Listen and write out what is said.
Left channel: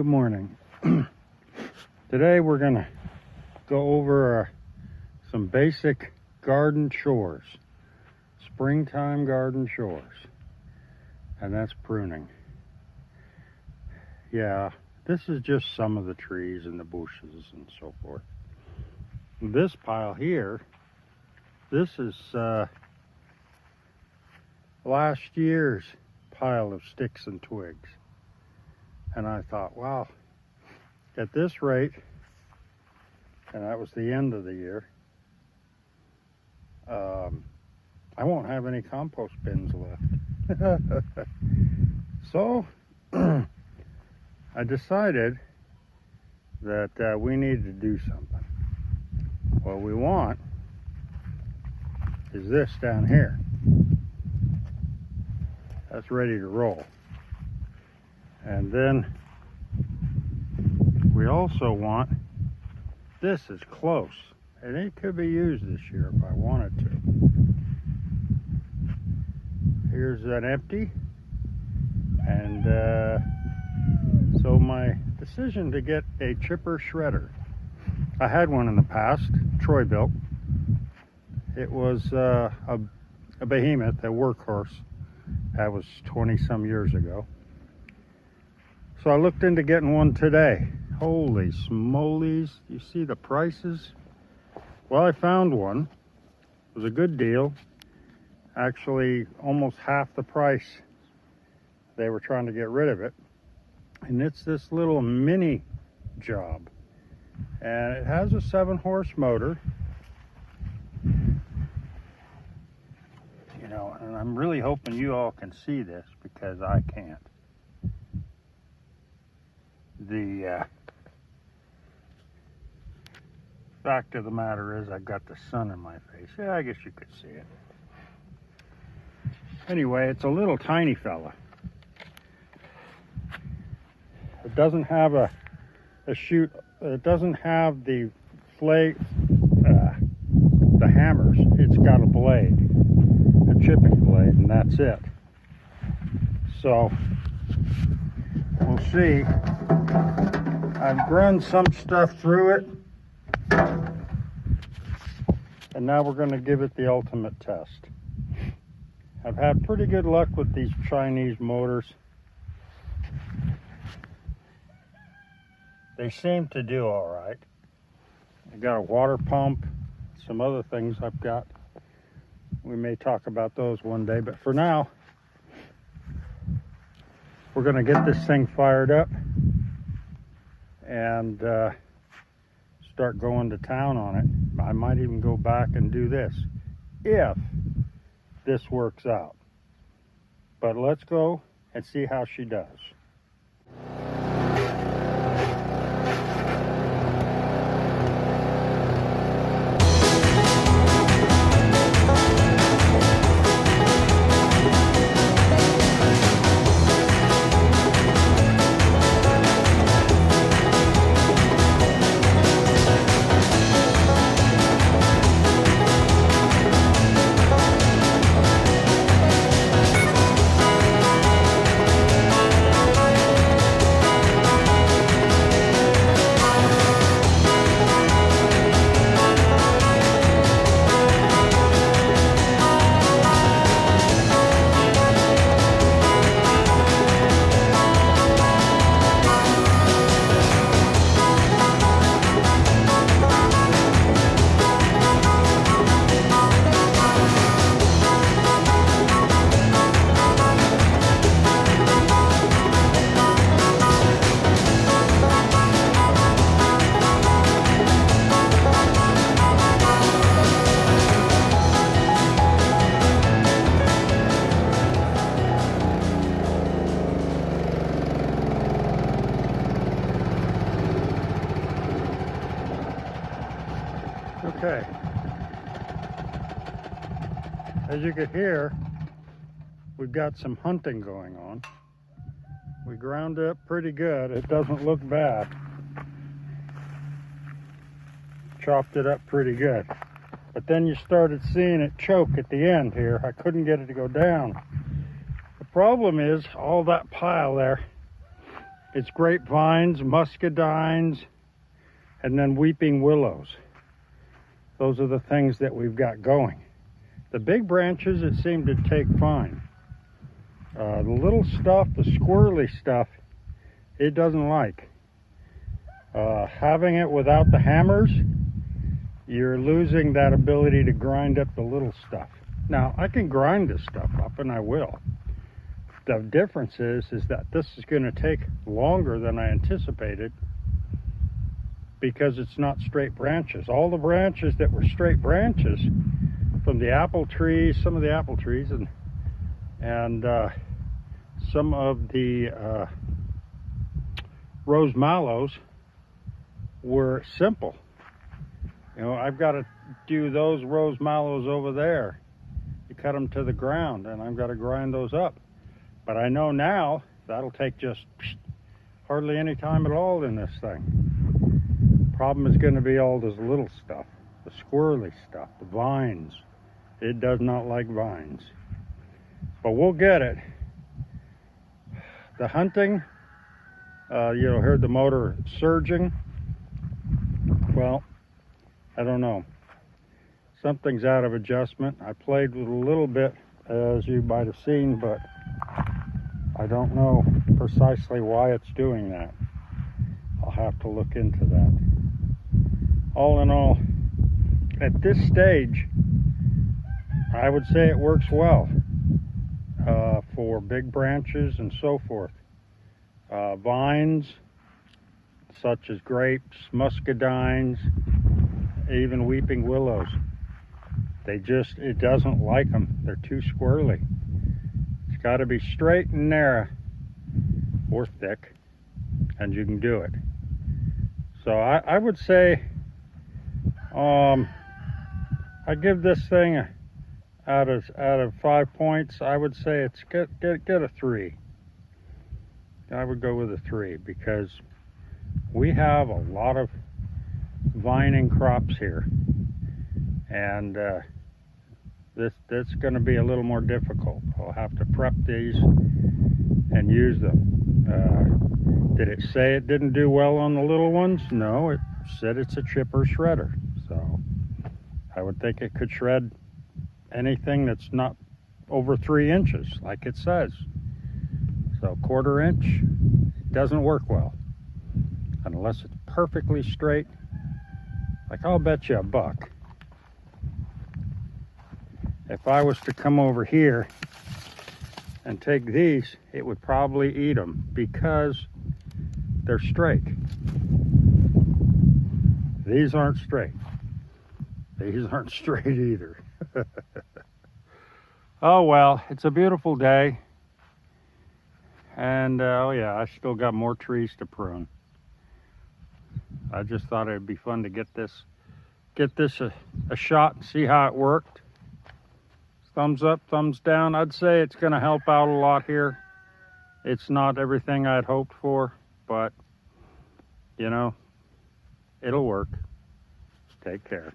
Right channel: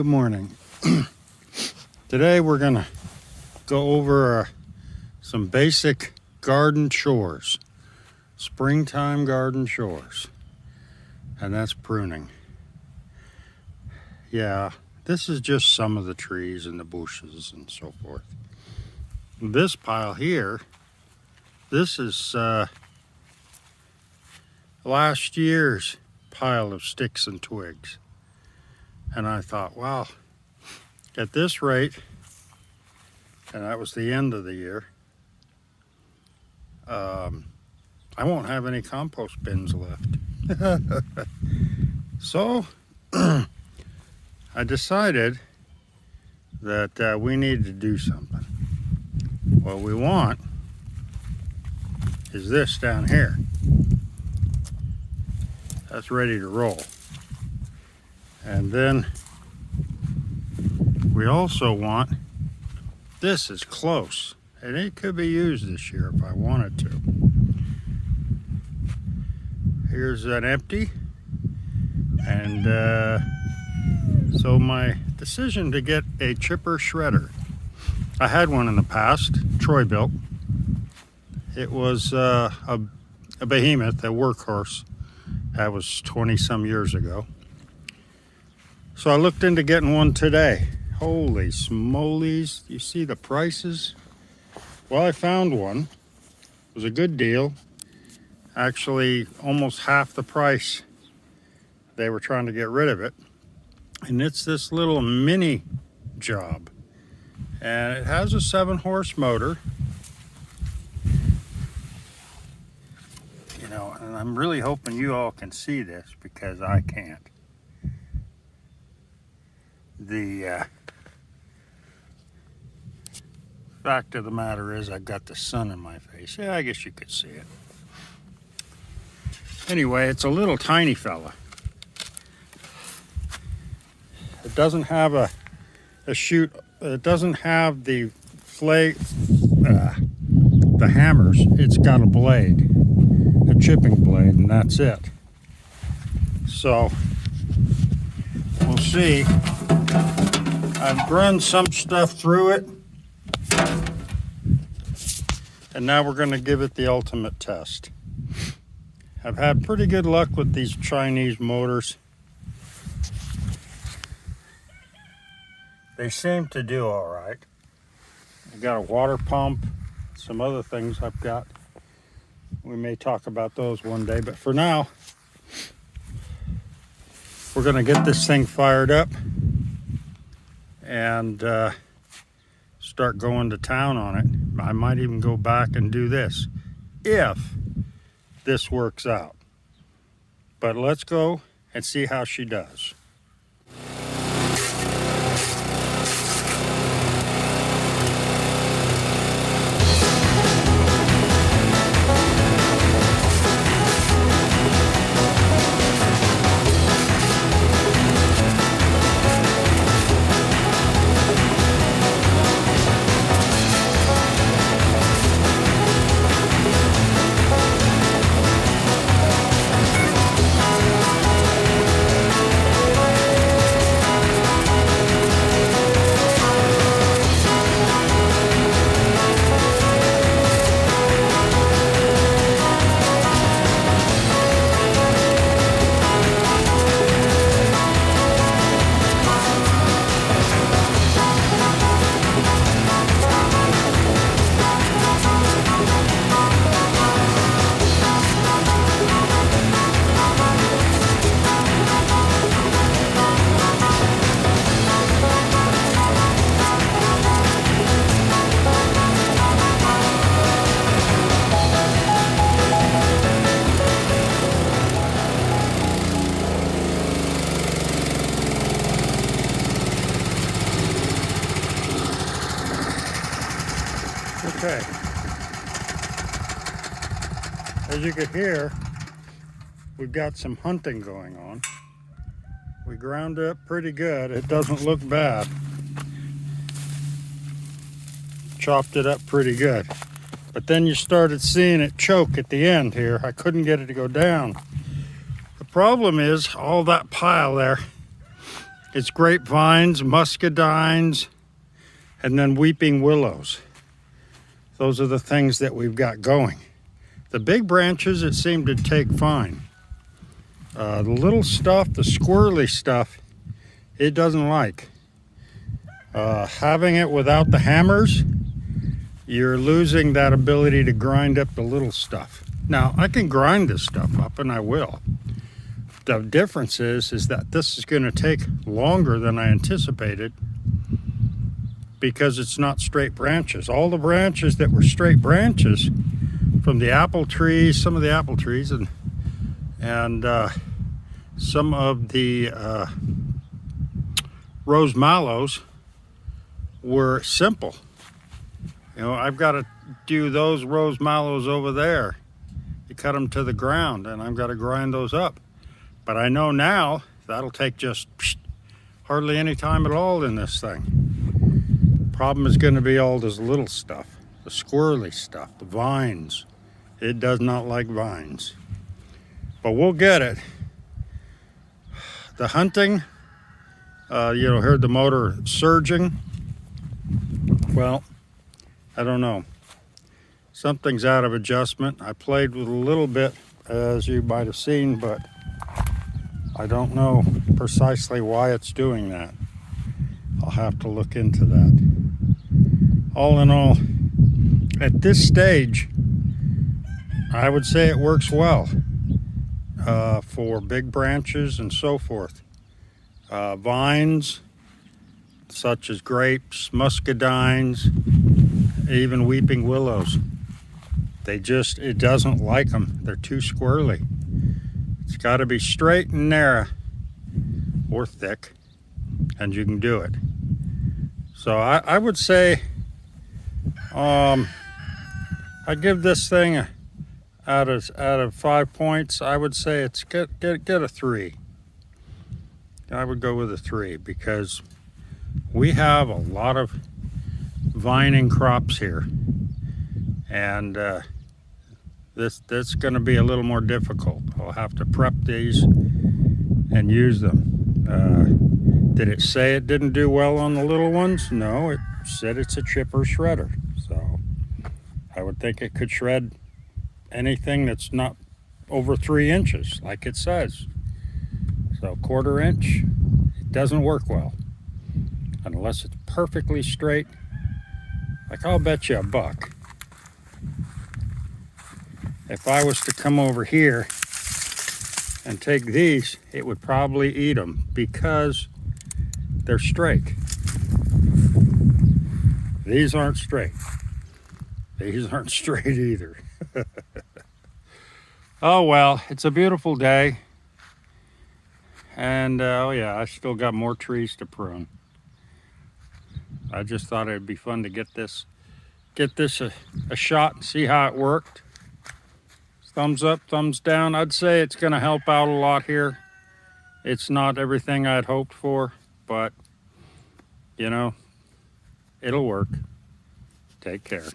good morning. Today we're gonna go over some basic garden chores, springtime garden chores, and that's pruning. Yeah, this is just some of the trees and the bushes and so forth. This pile here, this is last year's pile of sticks and twigs. And I thought, wow, at this rate, and that was the end of the year, I won't have any compost bins left. So I decided that we needed to do something. What we want is this down here. That's ready to roll. And then we also want, this is close, and it could be used this year if I wanted to. Here's an empty, and so my decision to get a chipper shredder. I had one in the past, Troy built. It was a behemoth, a workhorse. That was 20 some years ago. So I looked into getting one today. Holy smolies, you see the prices? Well, I found one. It was a good deal. Actually, almost half the price. They were trying to get rid of it. And it's this little mini job. And it has a 7-horse motor. You know, and I'm really hoping you all can see this because I can't. The fact of the matter is I've got the sun in my face. Yeah, I guess you could see it. Anyway, it's a little tiny fella. It doesn't have a chute. It doesn't have the hammers. It's got a blade, a chipping blade, and that's it. So we'll see. I've run some stuff through it, and now we're going to give it the ultimate test. I've had pretty good luck with these Chinese motors. They seem to do all right. I got a water pump, some other things I've got. We may talk about those one day, but for now, we're going to get this thing fired up and start going to town on it. I might even go back and do this if this works out. But let's go and see how she does. Okay, as you can hear, we've got some hunting going on. We ground up pretty good. It doesn't look bad. Chopped it up pretty good. But then you started seeing it choke at the end here. I couldn't get it to go down. The problem is all that pile there It's grapevines, muscadines, and then weeping willows. Those are the things that we've got going. The big branches, it seemed to take fine. The little stuff, the squirrely stuff, it doesn't like. Having it without the hammers, you're losing that ability to grind up the little stuff. Now, I can grind this stuff up, and I will. The difference is that this is going to take longer than I anticipated because it's not straight branches. All the branches that were straight branches from the apple trees, some of the apple trees, and some of the rose mallows were simple. You know, I've got to do those rose mallows over there. You cut them to the ground, and I've got to grind those up. But I know now that'll take just hardly any time at all in this thing. Problem is going to be all this little stuff, the squirrely stuff, the vines. It does not like vines. But we'll get it. The hunting, heard the motor surging. Well, I don't know. Something's out of adjustment. I played with a little bit, as you might have seen, but I don't know precisely why it's doing that. I'll have to look into that. All in all, at this stage, I would say it works well for big branches and so forth. Vines, such as grapes, muscadines, even weeping willows. It doesn't like them. They're too squirrely. It's got to be straight and narrow or thick, and you can do it. So I would say I give this thing out of 5 points. I would say it's get a 3. I would go with a 3 because we have a lot of vining crops here, and this going to be a little more difficult. I'll have to prep these and use them. Did it say it didn't do well on the little ones? No, it said it's a chipper shredder. So I would think it could shred anything that's not over 3 inches, like it says. So 1/4 inch, it doesn't work well unless it's perfectly straight. Like, I'll bet you $1. If I was to come over here and take these, it would probably eat them because they're straight. These aren't straight. These aren't straight either. Oh well, it's a beautiful day. And oh yeah, I still got more trees to prune. I just thought it'd be fun to get this a shot and see how it worked. Thumbs up, thumbs down. I'd say it's going to help out a lot here. It's not everything I'd hoped for, but it'll work. Take care.